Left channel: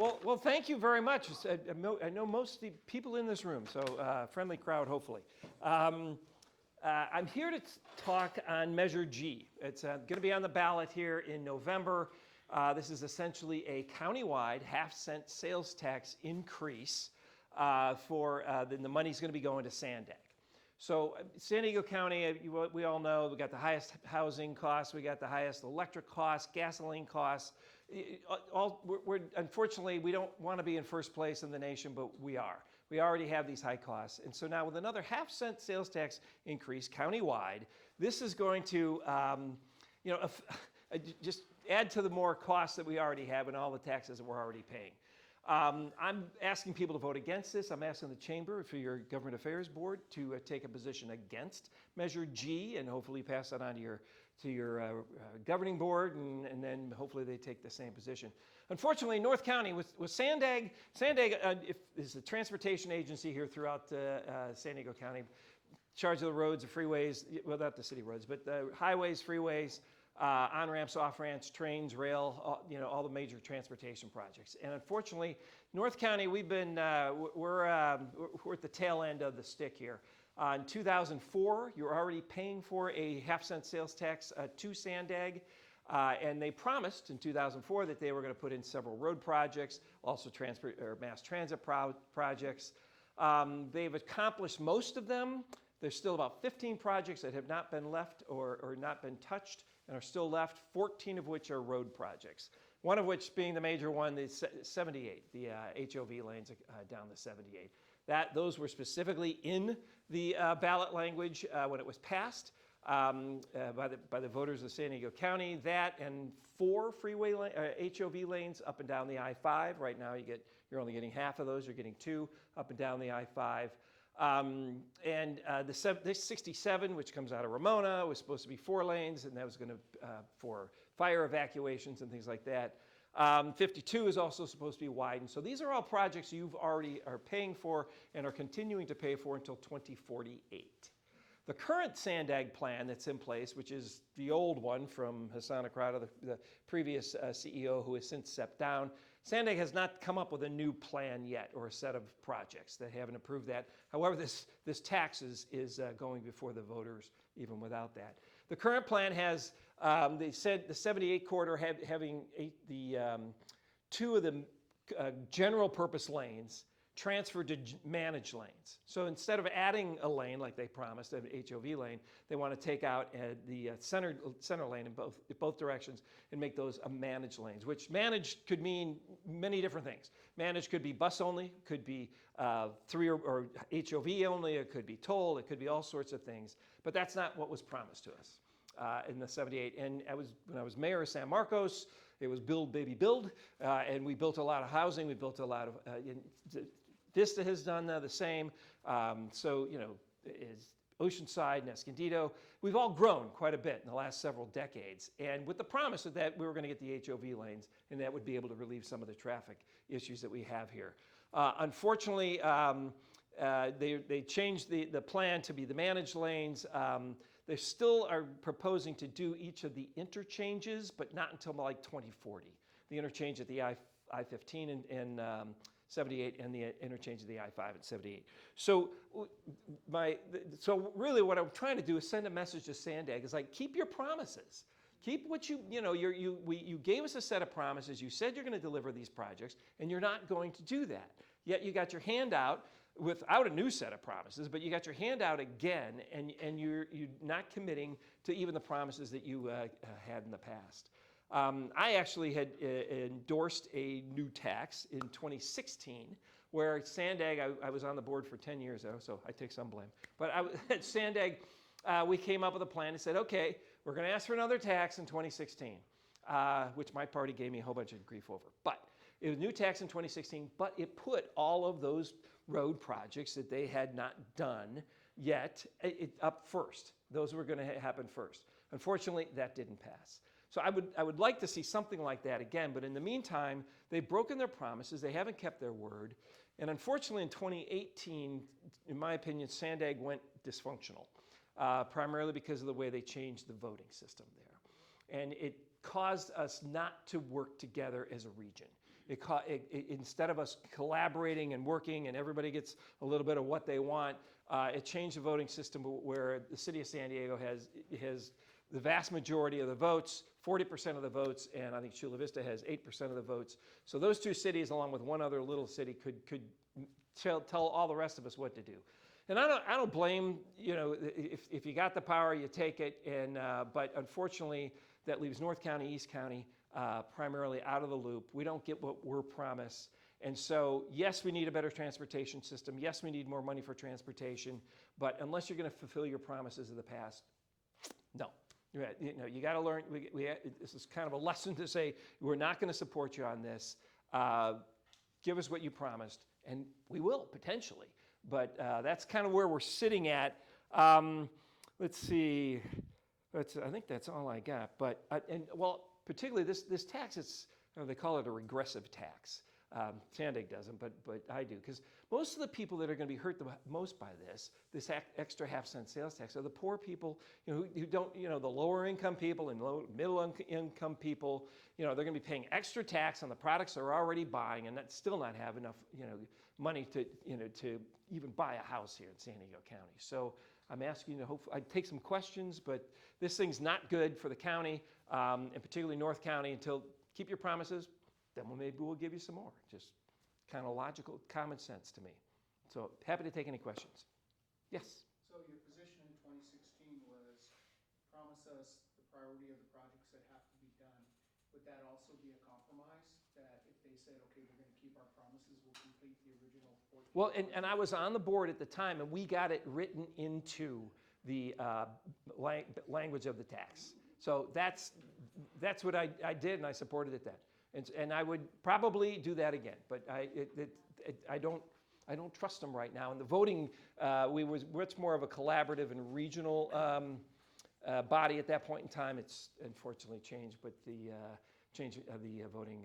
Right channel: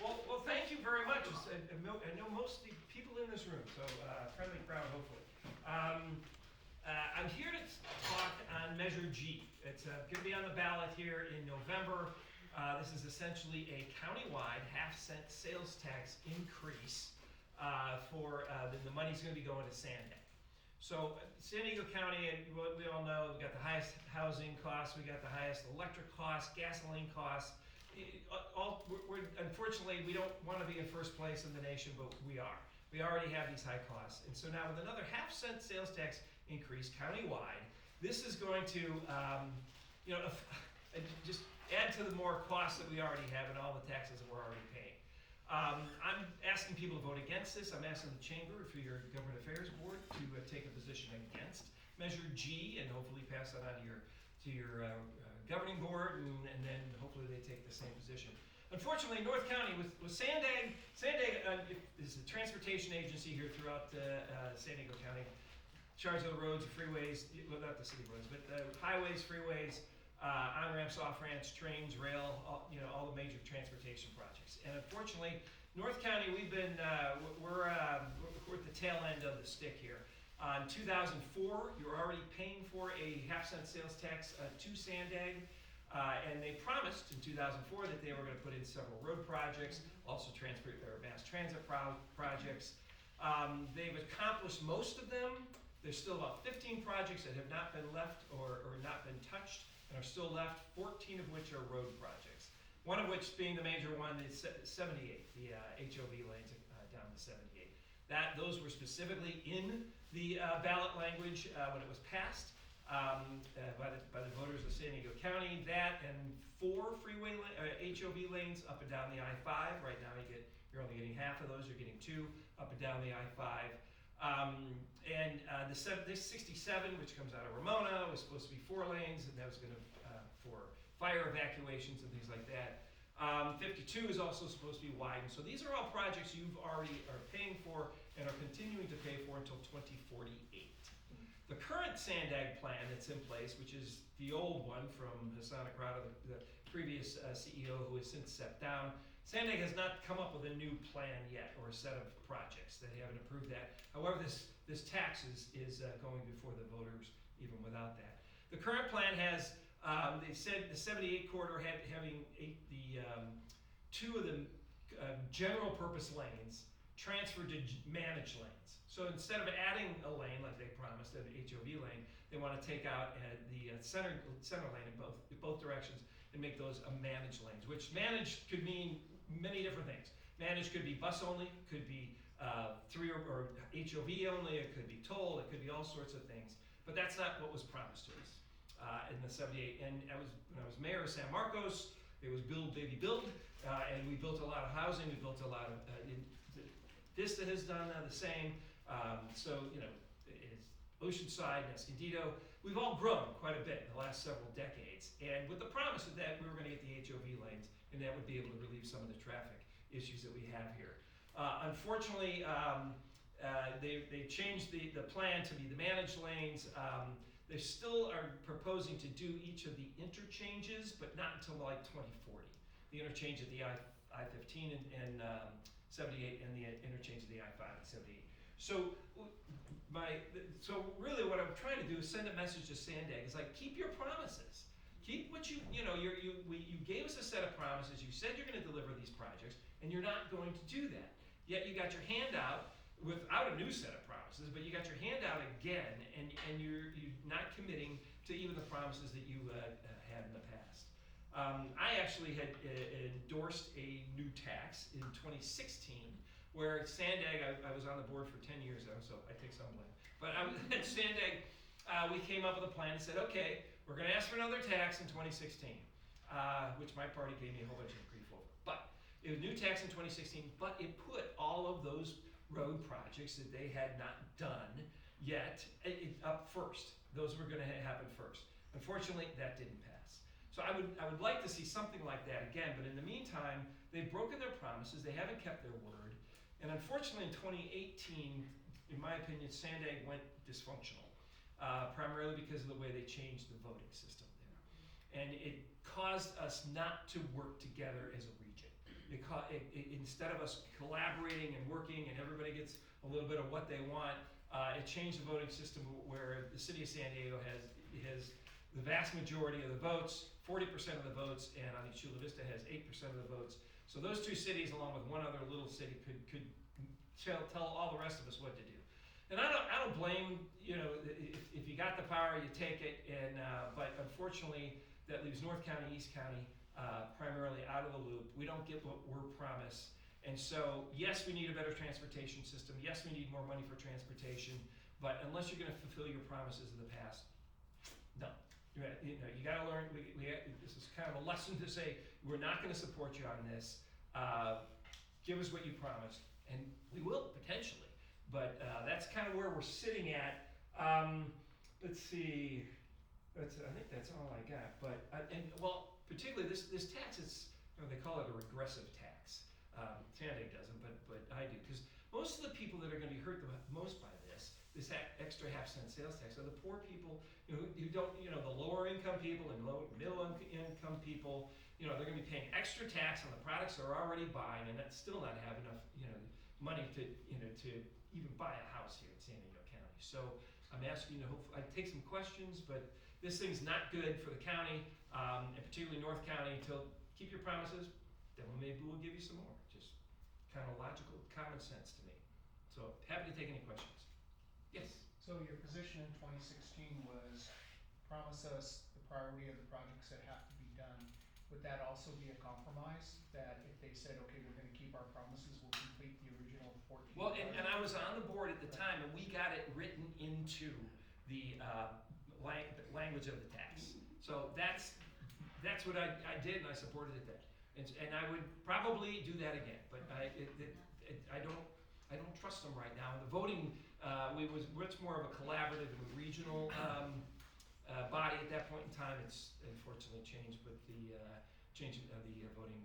Well, thank you very much. I know most of the people in this room, so friendly crowd, hopefully. I'm here to talk on Measure G. It's going to be on the ballot here in November. This is essentially a countywide half-cent sales tax increase the money's going to be going to Sandag. So San Diego County, we all know, we got the highest housing costs, we got the highest electric costs, gasoline costs. Unfortunately, we don't want to be in first place in the nation, but we are. We already have these high costs. And so now with another half-cent sales tax increase countywide, this is going to just add to the more costs that we already have and all the taxes that we're already paying. I'm asking people to vote against this. I'm asking the Chamber, for your Government Affairs Board, to take a position against Measure G and hopefully pass that on to your governing board, and then hopefully they take the same position. Unfortunately, North County, with Sandag is the transportation agency here throughout San Diego County, in charge of the roads, the freeways, well, not the city roads, but the highways, freeways, on-ramps, off-ramps, trains, rail, all the major transportation projects. And unfortunately, North County, we're at the tail end of the stick here. In 2004, you were already paying for a half-cent sales tax to Sandag, and they promised in 2004 that they were going to put in several road projects, also mass transit projects. They've accomplished most of them. There's still about 15 projects that have not been left or not been touched and are still left, 14 of which are road projects. One of which being the major one, the 78, the HOV lanes down the 78. Those were specifically in the ballot language when it was passed by the voters of San Diego County. That and 4 freeway HOV lanes up and down the I-5. Right now you're only getting half of those. You're getting 2 up and down the I-5. The 67, which comes out of Ramona, was supposed to be 4 lanes, and that was going to for fire evacuations and things like that. 52 is also supposed to be widened. So these are all projects you've already are paying for and are continuing to pay for until 2048. The current Sandag plan that's in place, which is the old one from Hassan Akrada, the previous CEO who has since stepped down, Sandag has not come up with a new plan yet or a set of projects. They haven't approved that. However, this tax is going before the voters even without that. The current plan has, they said the 78 corridor having 2 of the general purpose lanes transferred to managed lanes. So instead of adding a lane like they promised, an HOV lane, they want to take out the center lane in both directions and make those a managed lanes, which managed could mean many different things. Managed could be bus only, could be 3 or HOV only, it could be toll, it could be all sorts of things. But that's not what was promised to us in the 78. And when I was mayor of San Marcos, it was build, baby, build, and we built a lot of housing. We built a lot of, Vista has done the same. Is Oceanside and Escondido. We've all grown quite a bit in the last several decades. And with the promise that we were going to get the HOV lanes, and that would be able to relieve some of the traffic issues that we have here. Unfortunately, they changed the plan to be the managed lanes. They still are proposing to do each of the interchanges, but not until like 2040. The interchange at the I-15 and 78 and the interchange of the I-5 at 78. So really what I'm trying to do is send a message to Sandag. It's like, keep your promises. Keep what you gave us a set of promises. You said you're going to deliver these projects, and you're not going to do that. Yet you got your hand out without a new set of promises, but you got your hand out again, and you're not committing to even the promises that you had in the past. I actually had endorsed a new tax in 2016, where Sandag, I was on the board for 10 years though, so I take some blame. But at Sandag, we came up with a plan and said, okay, we're going to ask for another tax in 2016, which my party gave me a whole bunch of grief over. But it was a new tax in 2016, but it put all of those road projects that they had not done yet up first. Those were going to happen first. Unfortunately, that didn't pass. So I would like to see something like that again, but in the meantime, they've broken their promises, they haven't kept their word, and unfortunately in 2018, in my opinion, Sandag went dysfunctional, primarily because of the way they changed the voting system there. And it caused us not to work together as a region. instead of us collaborating and working and everybody gets a little bit of what they want, it changed the voting system where the city of San Diego has the vast majority of the votes, 40% of the votes, and I think Chula Vista has 8% of the votes. So those two cities, along with one other little city, could tell all the rest of us what to do. And I don't blame, if you got the power, you take it. But unfortunately, that leaves North County, East County primarily out of the loop. We don't get what we're promised. And so, yes, we need a better transportation system. Yes, we need more money for transportation. But unless you're going to fulfill your promises of the past, no. You got to learn. This is kind of a lesson to say we're not going to support you on this. Give us what you promised, and we will potentially. But that's kind of where we're sitting at. Let's see. I think that's all I got. But particularly this tax is they call it a regressive tax. Sandig doesn't, but I do, because most of the people that are going to be hurt the most by this extra half-cent sales tax are the poor people, who don't, the lower income people and middle income people. They're going to be paying extra tax on the products they're already buying, and still not have enough, money to even buy a house here in San Diego County. So I'm asking you to I take some questions, but this thing's not good for the county, and particularly North County. Until keep your promises, then maybe we'll give you some more. Just kind of logical, common sense to me. So happy to take any questions. Yes. So your position in 2016 was promise us the priority of the projects that have to be done. Would that also be a compromise? That if they said, okay, we're going to keep our promises, we'll complete the original 14? Well, and I was on the board at the time, and we got it written into the language of the tax. So that's what I did, and I supported it then. And I would probably do that again, but I don't trust them right now. And the voting, was much more of a collaborative and regional body at that point in time. It's unfortunately changed, but the change of the voting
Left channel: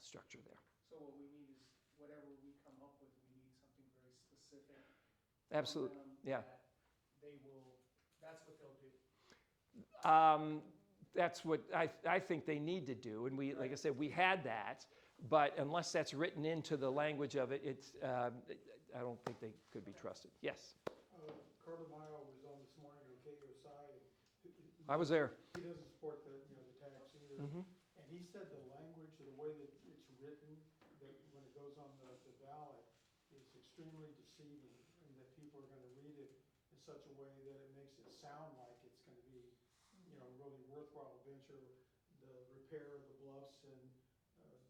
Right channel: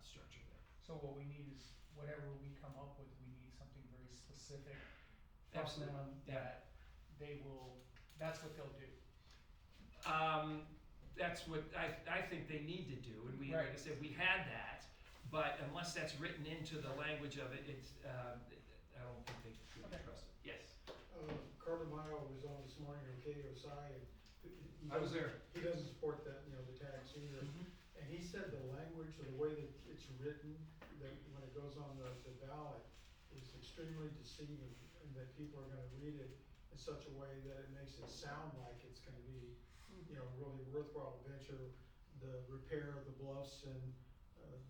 structure there. So what we need is whatever we come up with, we need something very specific. Absolutely, yeah. That's what they'll do. That's what I think they need to do, and like I said, we had that, but unless that's written into the language of it, I don't think they could be trusted. Yes. Carter Mile was on this morning on KOSI, and I was there. He doesn't support the tax either, Mm-hmm. and he said the language or the way that it's written, that when it goes on the ballot, is extremely deceiving, and that people are going to read it in such a way that it makes it sound like it's going to be, really worthwhile venture. The repair of the bluffs and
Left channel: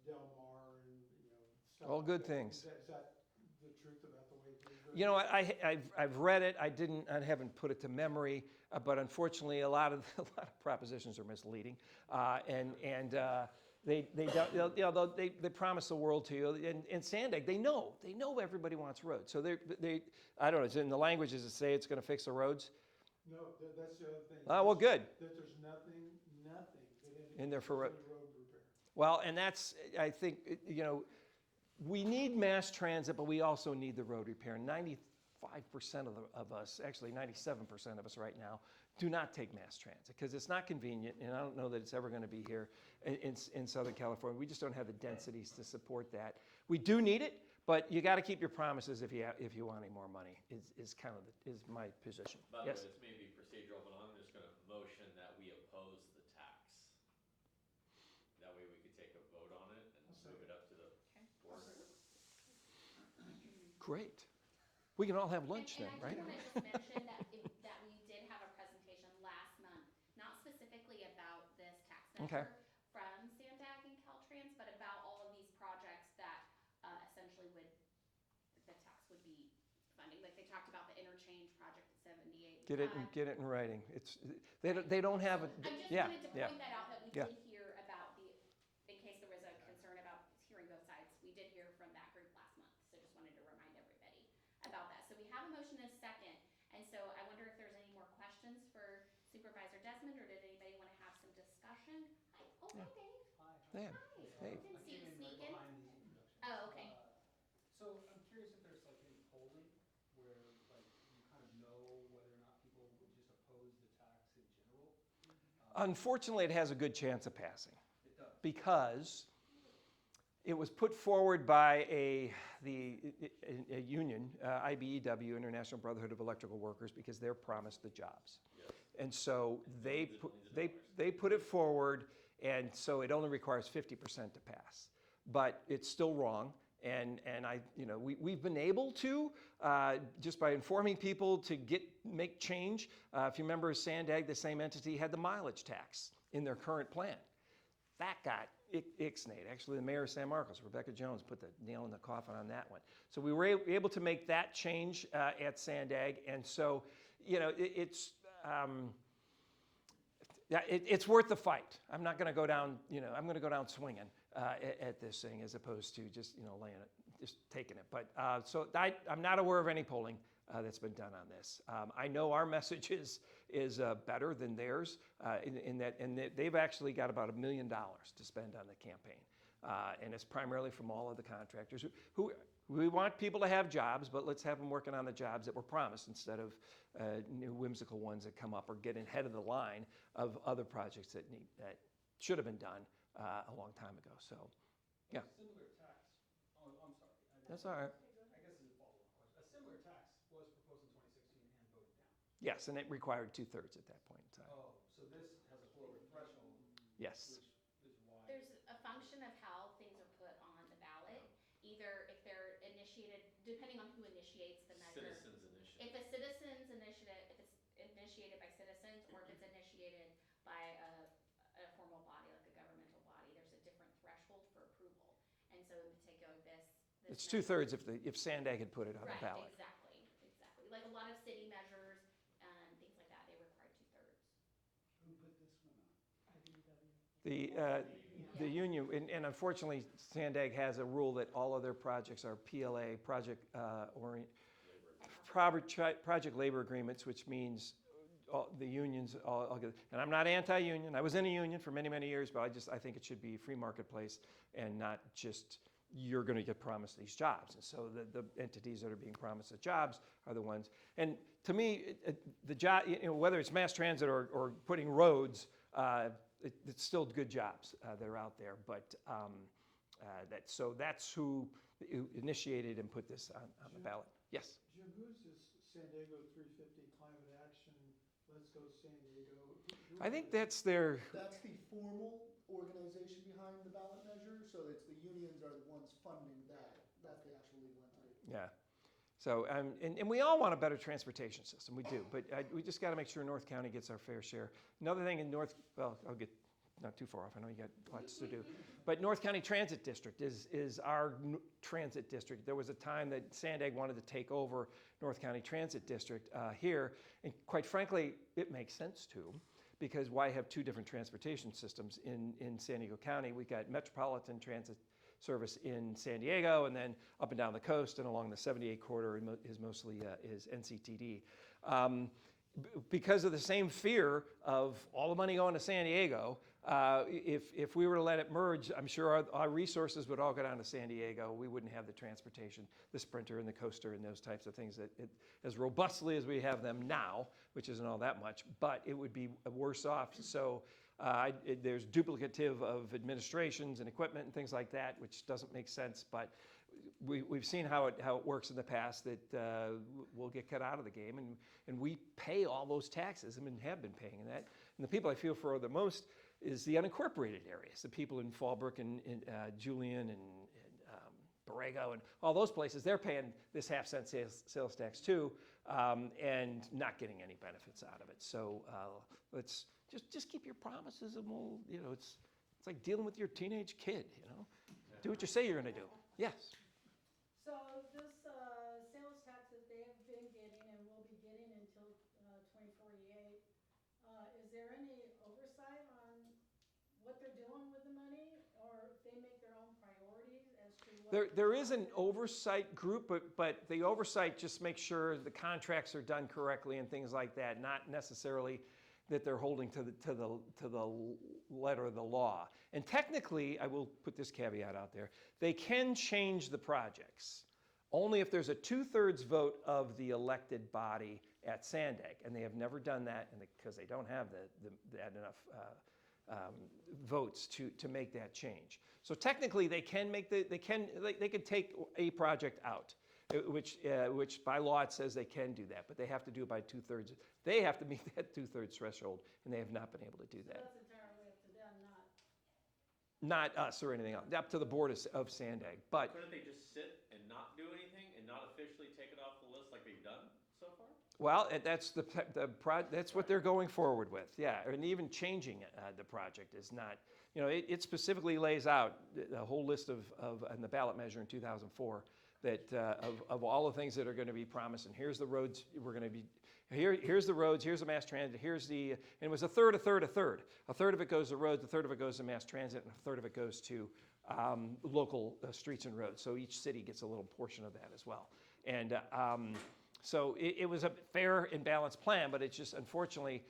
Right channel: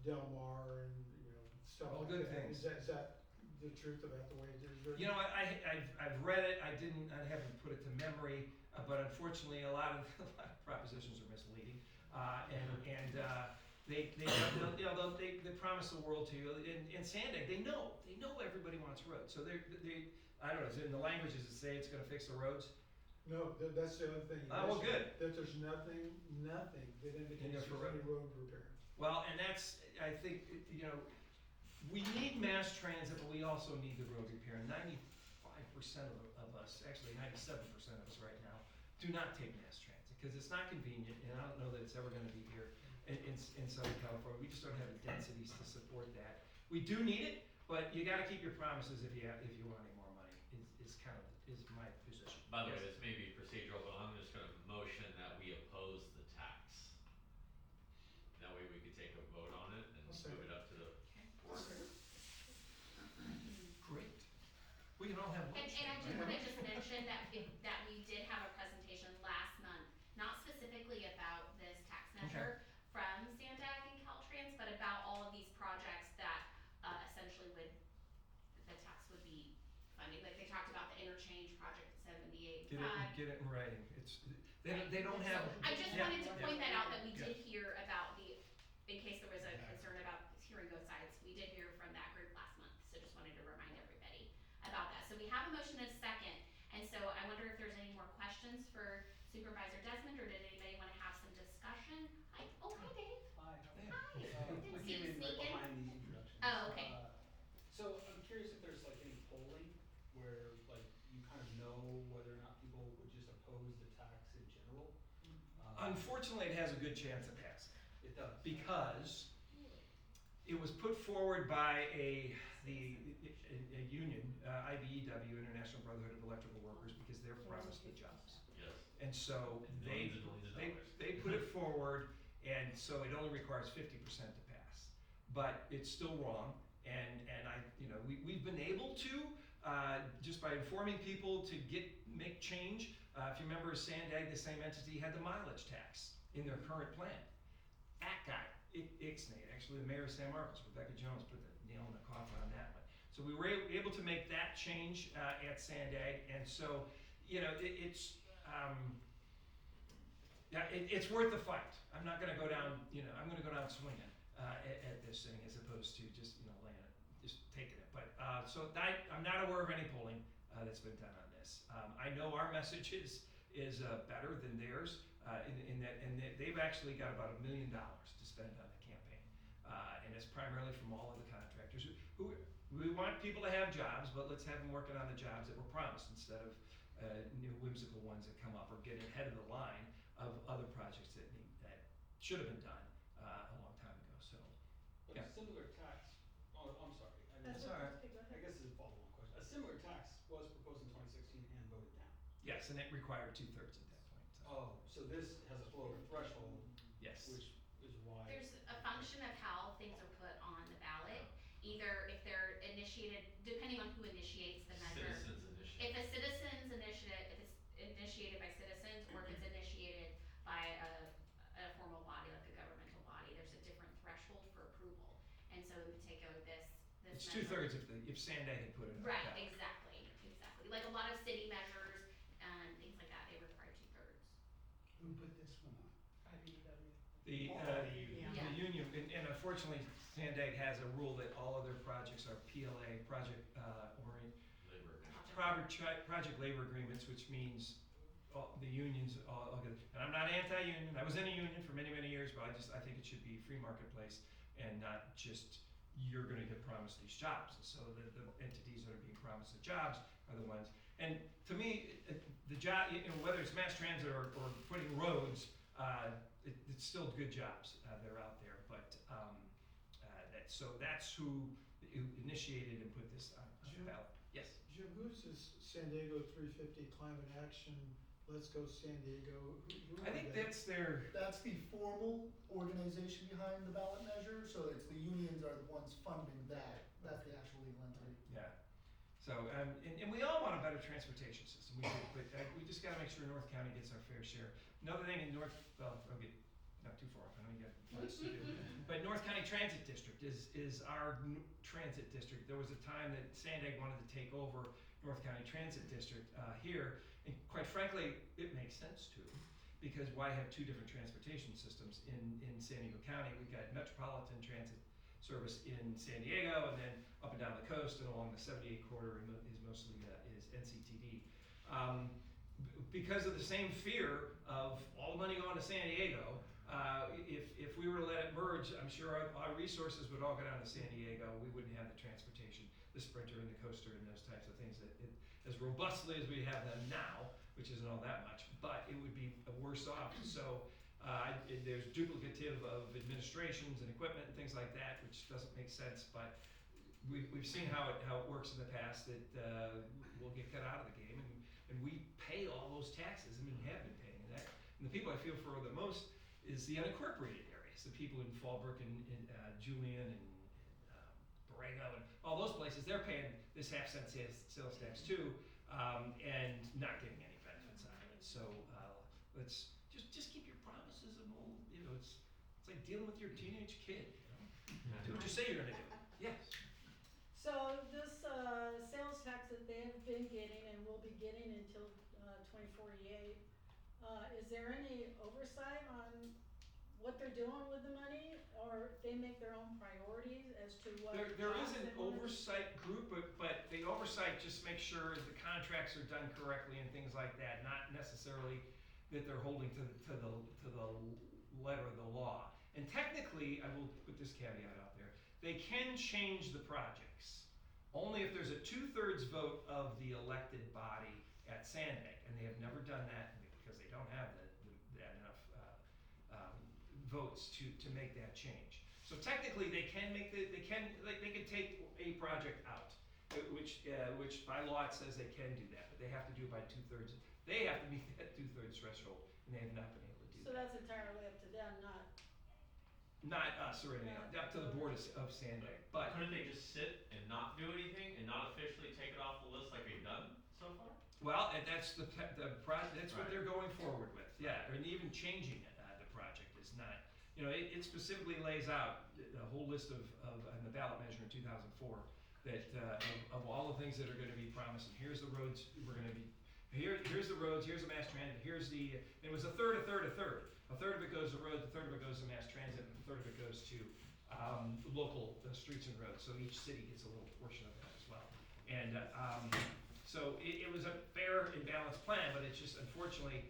Del Mar and stuff. All like good that. things. Is that the truth about the way it is written? I've read it. I haven't put it to memory, but unfortunately, a lot of propositions are misleading, and they promise the world to you. And Sandig, they know everybody wants roads, so they I don't know. Is in the languages that say it's going to fix the roads? No, that's the other thing. Oh, well, good. That there's nothing that indicates In there for any road repair. Well, and that's, I think, we need mass transit, but we also need the road repair. 95% of us, actually 97% of us right now, do not take mass transit because it's not convenient, and I don't know that it's ever going to be here in Southern California. We just don't have the densities to support that. We do need it, but you got to keep your promises if you want any more money. Is my position. By the Yes? way, this may be procedural, but I'm just gonna motion that we oppose the tax. That way we could take a vote on it and move it up to the board. Great. We can all have lunch And then, I do right? want to just mention that we did have a presentation last month, not specifically about this tax measure from Sandag and Caltrans, but about all of these projects that essentially the tax would be funding. Like they talked about the interchange project at 78. Get it in writing. They don't have. I just Yeah, wanted to yeah. point that out that we Yeah. did hear about in case there was a concern about hearing both sides, we did hear from that group last month. So just wanted to remind everybody about that. So we have a motion and a second. And so I wonder if there's any more questions for Supervisor Desmond, or did anybody want to have some discussion? Hi, Dave. Yeah. Hi. Didn't see you I came in right sneak in. behind the introduction. Oh, okay. So I'm curious if there's like any polling where like you kind of know whether or not people would just oppose the tax in general? Unfortunately, it has a good chance of passing It does. because it was put forward by a union, IBEW, International Brotherhood of Electrical Workers, because they're promised the jobs. Yes. And so Millions and millions of dollars. they put it forward, and so it only requires 50% to pass. But it's still wrong, and we've been able to, just by informing people to make change. If you remember, Sandag, the same entity, had the mileage tax in their current plan. That got ixnayed. Actually, the mayor of San Marcos, Rebecca Jones, put the nail in the coffin on that one. So we were able to make that change at Sandag, and so it's worth the fight. I'm not going to go down. I'm going to go down swinging at this thing as opposed to just laying it, just taking it. But so I'm not aware of any polling that's been done on this. I know our message is better than theirs in that they've actually got about $1 million to spend on the campaign, and it's primarily from all of the contractors who we want people to have jobs, but let's have them working on the jobs that were promised instead of new whimsical ones that come up or getting ahead of the line of other projects that should have been done a long time ago. So, But yeah. a similar tax, oh, I'm sorry. That's all right. I guess this is a follow-on question. A similar tax was proposed in 2016 and voted down. Yes, and it required 2/3 at that point. So. Oh, so this has a lower threshold, Yes. which is why. There's a function of how things are put on the ballot, either if they're initiated, depending on who initiates the measure. Citizens initiative. If a citizen's initiative, if it's initiated by citizens, or if it's initiated by a formal body, like a governmental body, there's a different threshold for approval. And so in particular, this It's measure- 2/3 if Sandag had put it on the Right, ballot. exactly. Like a lot of city measures and things like that, they require 2/3. Who put this one on? The Yeah. union, and unfortunately, Sandag has a rule that all of their projects are PLA, project labor agreements, which means the unions all get. And I'm not anti-union. I was in a union for many, many years, but I think it should be a free marketplace and not just you're going to get promised these jobs. And so the entities that are being promised the jobs are the ones. And to me, the job, whether it's mass transit or putting roads, it's still good jobs that are out there. But that's who initiated and put this on the ballot. Yes. Jim, who's this San Diego 350 Climate Action, Let's Go San Diego? Who I are think they? that's their. That's the formal organization behind the ballot measure, so it's the unions are the ones funding that. That's the actual legal entity. Yeah. So, and we all want a better transportation system. We do, but we just got to make sure North County gets our fair share. Another thing in I'll get not too far off. I know you got plans to do, but North County Transit District is our transit district. There was a time that Sandag wanted to take over North County Transit District here, and quite frankly, it makes sense to, because why have two different transportation systems in San Diego County? We've got Metropolitan Transit service in San Diego, and then up and down the coast and along the 78 corridor is mostly is NCTD. Because of the same fear of all the money going to San Diego, if we were to let it merge, I'm sure our resources would all go down to San Diego. We wouldn't have the transportation, the Sprinter and the Coaster and those types of things as robustly as we have them now, which isn't all that much, but it would be worse off. So there's duplicative of administrations and equipment and things like that, which doesn't make sense. But we've seen how it works in the past, that we'll get cut out of the game, and we pay all those taxes and have been paying that. And the people I feel for the most is the unincorporated areas, the people in Fallbrook and Julian and Borrego and all those places. They're paying this half-cent sales tax too, and not getting any benefits out of it. So let's just keep your promises, and we'll, it's like dealing with your teenage kid. Do what you say you're going to do. Yes. So this sales tax that they have been getting and will be getting until 2048, is there any oversight on what they're doing with the money, or they make their own priorities as to what? There is jobs an they want? oversight group, but the oversight just makes sure the contracts are done correctly and things like that, not necessarily that they're holding to the letter of the law. And technically, I will put this caveat out there, they can change the projects only if there's a 2/3 vote of the elected body at Sandag, and they have never done that because they don't have that enough votes to make that change. So technically, they can take a project out, which by law it says they can do that, but they have to do it by 2/3. They have to meet that 2/3 threshold, and they have not been able to do So that. that's entirely up to them, not, Not us or anything else, up to the board of Sandag, but. Couldn't they just sit and not do anything and not officially take it off the list like they've done so far? Well, that's that's what they're going forward with, yeah, and even changing the project is not, it specifically lays out the whole list of, in the ballot measure in 2004, that, of all the things that are gonna be promised, and here's the roads we're gonna be, here's the roads, here's the mass transit, and it was a third. A third of it goes to roads, a third of it goes to mass transit, and a third of it goes to local streets and roads, so each city gets a little portion of that as well. And so it was a fair and balanced plan, but it's just unfortunately,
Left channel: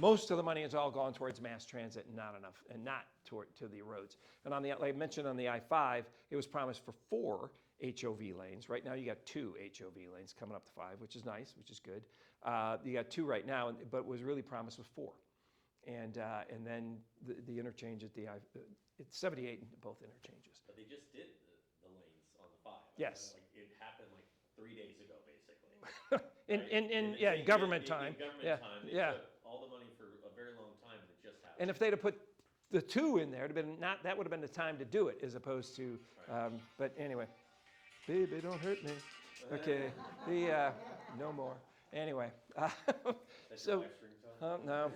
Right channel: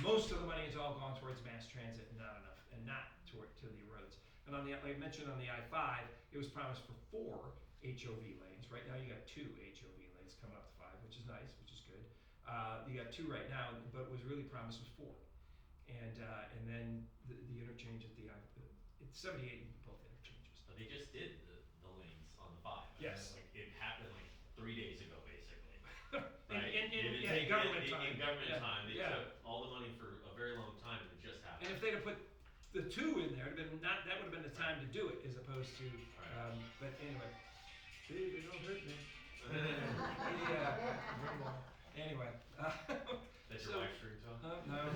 most of the money has all gone towards mass transit and not enough, and not to the roads. And like I mentioned on the I-5, it was promised for 4 HOV lanes. Right now you got 2 HOV lanes coming up to 5, which is nice, which is good. You got 2 right now, but what was really promised was 4. And then the interchange at it's 78 in both interchanges. But they just did the lanes on the 5. Yes. Like, it happened like 3 days ago, basically. In government time. In government Yeah, time, they yeah. took all the money for a very long time and it just happened. And if they'd have put the 2 in there, that would have been the time to do it, as opposed to, Right. but anyway. Baby, don't hurt me. Okay, no more. Anyway. That's so- your live stream, Tom? No,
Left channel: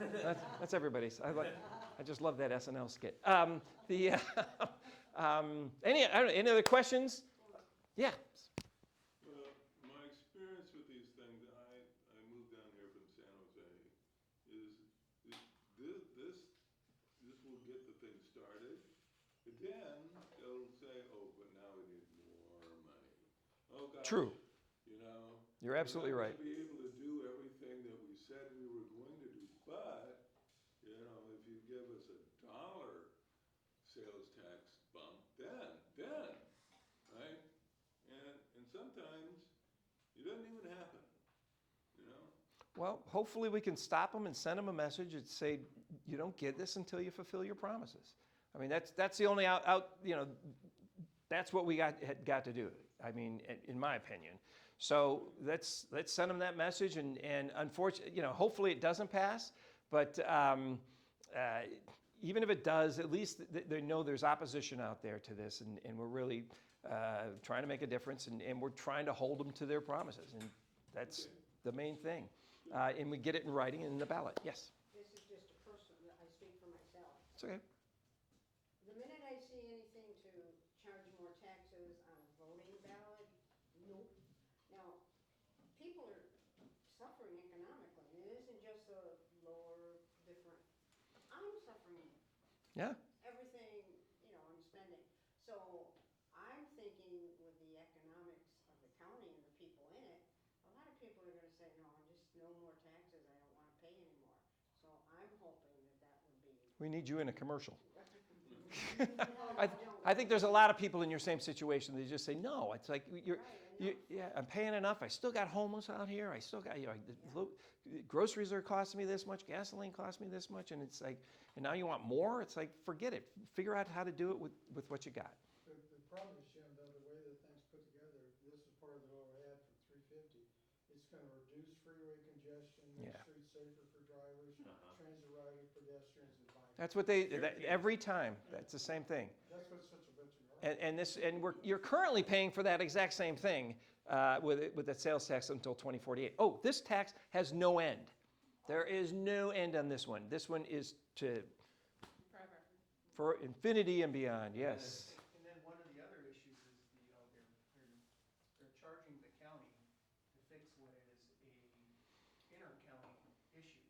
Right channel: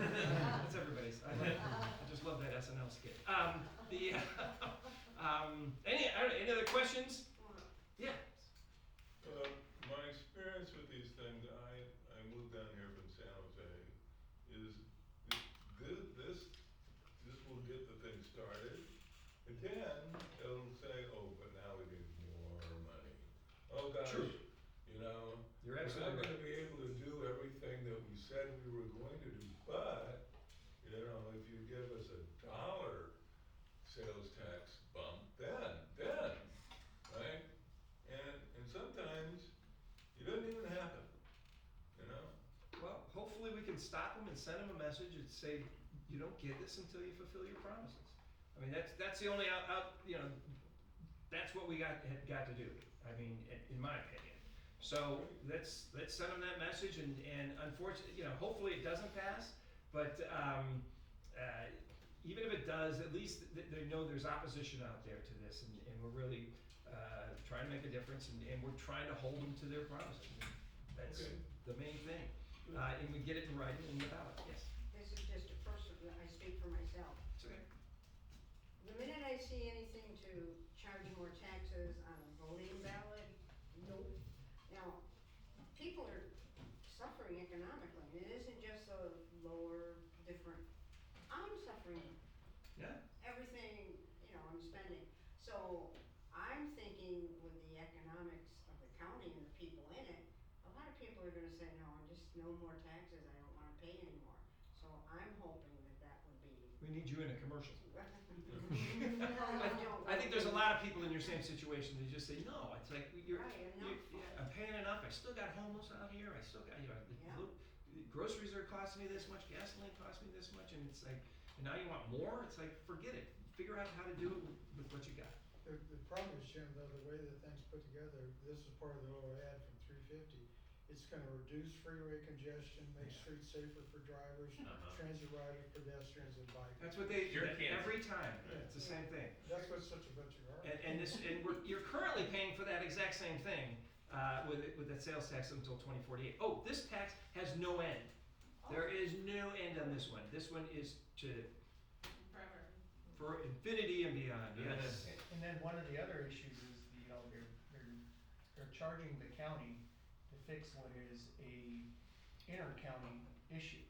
that's everybody's. I just love that SNL skit. Any other questions? Yeah. My experience with these things, I moved down here from San Jose, is this will get the thing started, and then they'll say, oh, but now we need more money. Oh, gosh. True. You're We're absolutely not right. gonna be able to do everything that we said we were going to do, but, if you give us $1 sales tax bump, then, right? And sometimes it doesn't even happen, Well, hopefully we can stop them and send them a message and say, you don't get this until you fulfill your promises. I mean, that's the only that's what we had got to do. I mean, in my opinion. So let's send them that message, and unfortunately, hopefully it doesn't pass. But even if it does, at least they know there's opposition out there to this, and we're really trying to make a difference, and we're trying to hold them to their promises, and that's Okay. the main thing. And we get it in writing in the ballot. Yes, This is just a personal, I speak for myself. it's okay. The minute I see anything to charge more taxes on a voting ballot, no. Now, people are suffering economically, and it isn't just the lower, different, I'm suffering. Yeah. Everything, I'm spending. So I'm thinking with the economics of the county and the people in it, a lot of people are gonna say, no, just no more taxes, I don't wanna pay anymore. So I'm hoping that would be. We need you in a commercial. No, you I think there's a lot of people in your same situation. They just say, no, it's like, I'm paying enough. I still got homeless out here. I still got, groceries are costing me this much, gasoline costs me this much, and it's like, and now you want more? It's like, forget it. Figure out how to do it with what you got. The problem is, Jim, though, the way that thing's put together, this is part of the little ad from 350. It's gonna reduce freeway congestion, make Yeah. streets safer for drivers, transit riders, pedestrians, and bikers. That's what every time. That's the same thing. That's what's such a bunch of garbage. And you're currently paying for that exact same thing with the sales tax until 2048. Oh, this tax has no end. There is no end on this one. This one is Forever. for infinity and beyond. Yes. And then one of the other issues is, they're charging the county to fix what is a inter-county issue.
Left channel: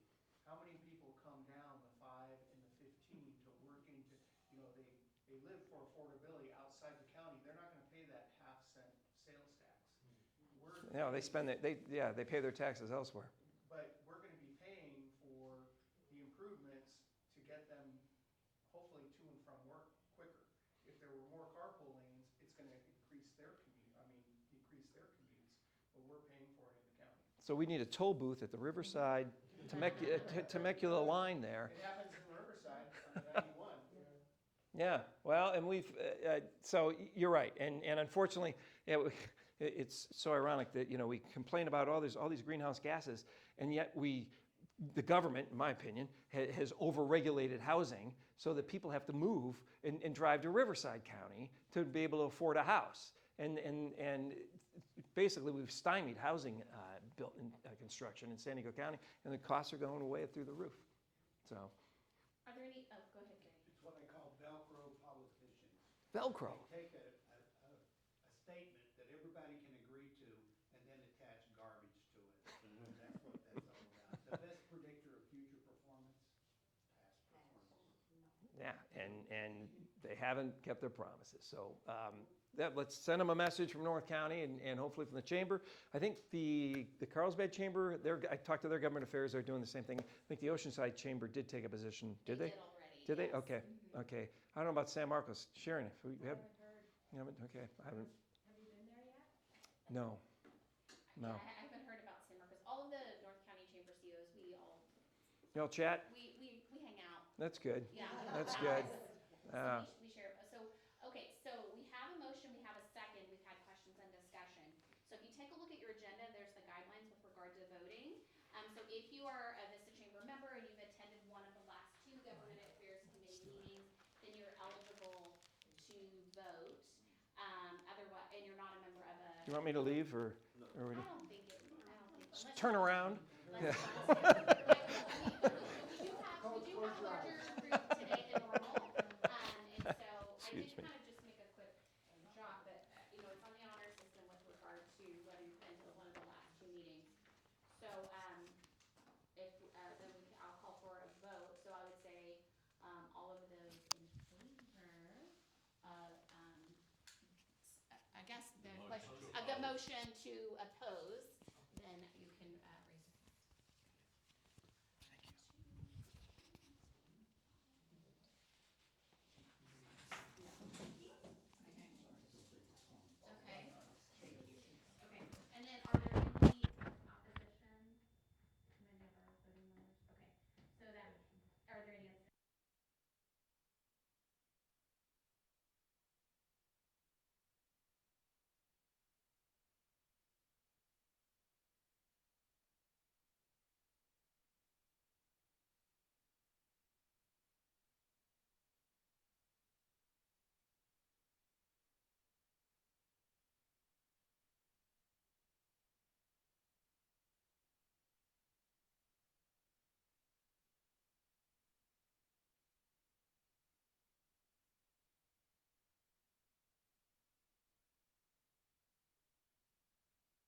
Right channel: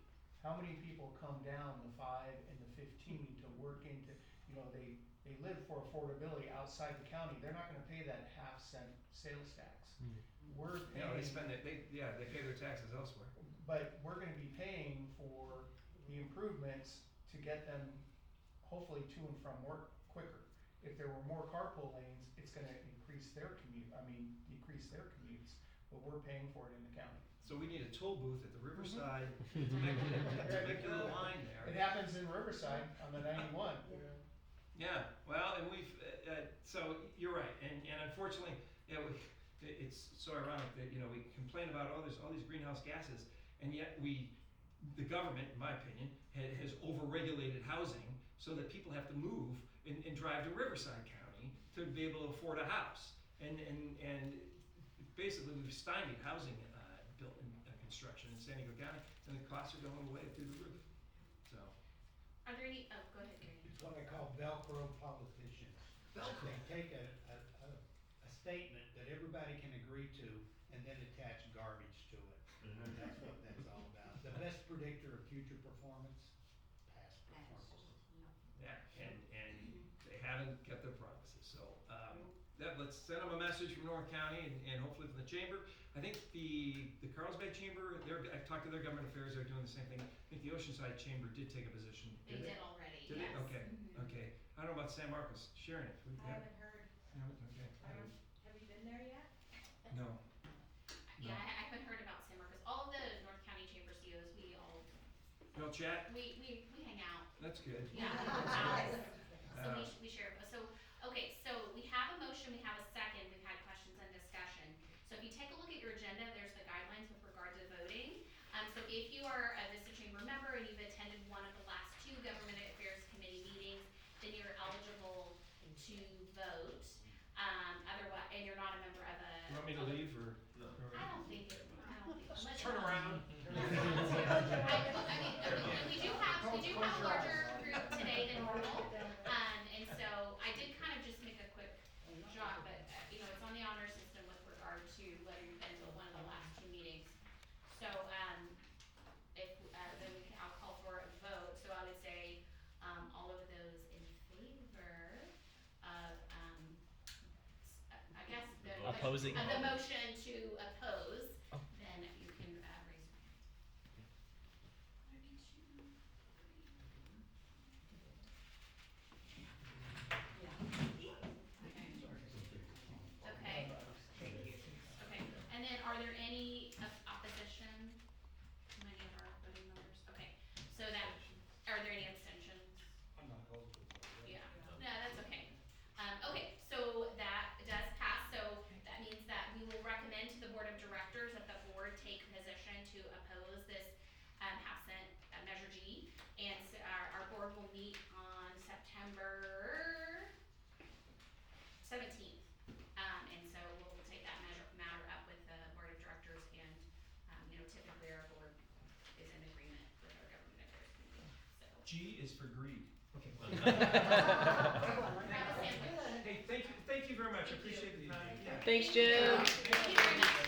How many people come down the 5 and the 15 to work into, they live for affordability outside the county, they're not gonna pay that half-cent sales tax. We're No, they paying- spend it. They pay their taxes elsewhere. But we're gonna be paying for the improvements to get them hopefully to and from work quicker. If there were more carpool lanes, it's gonna decrease their commutes, but we're paying for it in the county. So we need a toll booth at the Riverside Temecula line there. It happens in Riverside on the 91. Yeah, well, and so you're right, and unfortunately, yeah, it's so ironic that, we complain about all these greenhouse gases, and yet the government, in my opinion, has overregulated housing so that people have to move and drive to Riverside County to be able to afford a house. And basically, we've stymied housing built in construction in San Diego County, and the costs are going way through the roof, so. Are there any, oh, go ahead, Gary. It's what I call Velcro politicians. Velcro. They take a statement that everybody can agree to and then attach garbage to it. That's what that's all about. The best predictor of future performance, past performance. Yeah, and they haven't kept their promises, so, let's send them a message from North County and hopefully from the chamber. I think the Carlsbad Chamber, I talked to their government affairs, they're doing the same thing. I think the Oceanside Chamber did take a position, did they? They did already, Did they? yes. Okay, Mhm. okay. I don't know about San Marcos. Sharon, if we I have, haven't heard. you haven't, okay. I haven't, Have you been there yet? no, no. Yeah, I haven't heard about San Marcos. All of the North County Chamber COs, we You know, chat, we hang out. that's good. Yeah. That's good. So we share, so, okay, so we have a motion, we have a second, we've had questions and discussion. So if you take a look at your agenda, there's the guidelines with regard to voting. So if you are a Vista Chamber member and you've attended one of the last 2 Government Affairs Committee meetings, then you're eligible to vote. Otherwise, and you're not a member of a. You want me to leave or? No. or I don't think unless turn around? I mean, we do have a larger group today than normal, and so I did kind of just make a quick jot, but, it's on the honor system with regard to whether you've been to one of the last 2 meetings. So, if, then I'll call for a vote, so I would say, all of those in favor of, I guess the. Opposing. Of the motion to oppose, then you can, raise your hand. Okay. Okay, and then are there any opposition from any of our voting members? Okay, so that, are there any abstentions? I'm not eligible. Yeah, no, that's okay. Okay, so that does pass, so that means that we will recommend to the Board of Directors that the board take position to oppose this, half cent Measure G. And so our board will meet on September 17th. And so we'll take that matter up with the Board of Directors and, typically our board is in agreement with our Government Affairs Committee, so. G is for greed. Okay. Grab a sandwich. Hey, thank you very much. I Thank you. appreciate the time. Thanks, Jim. Thank you very much.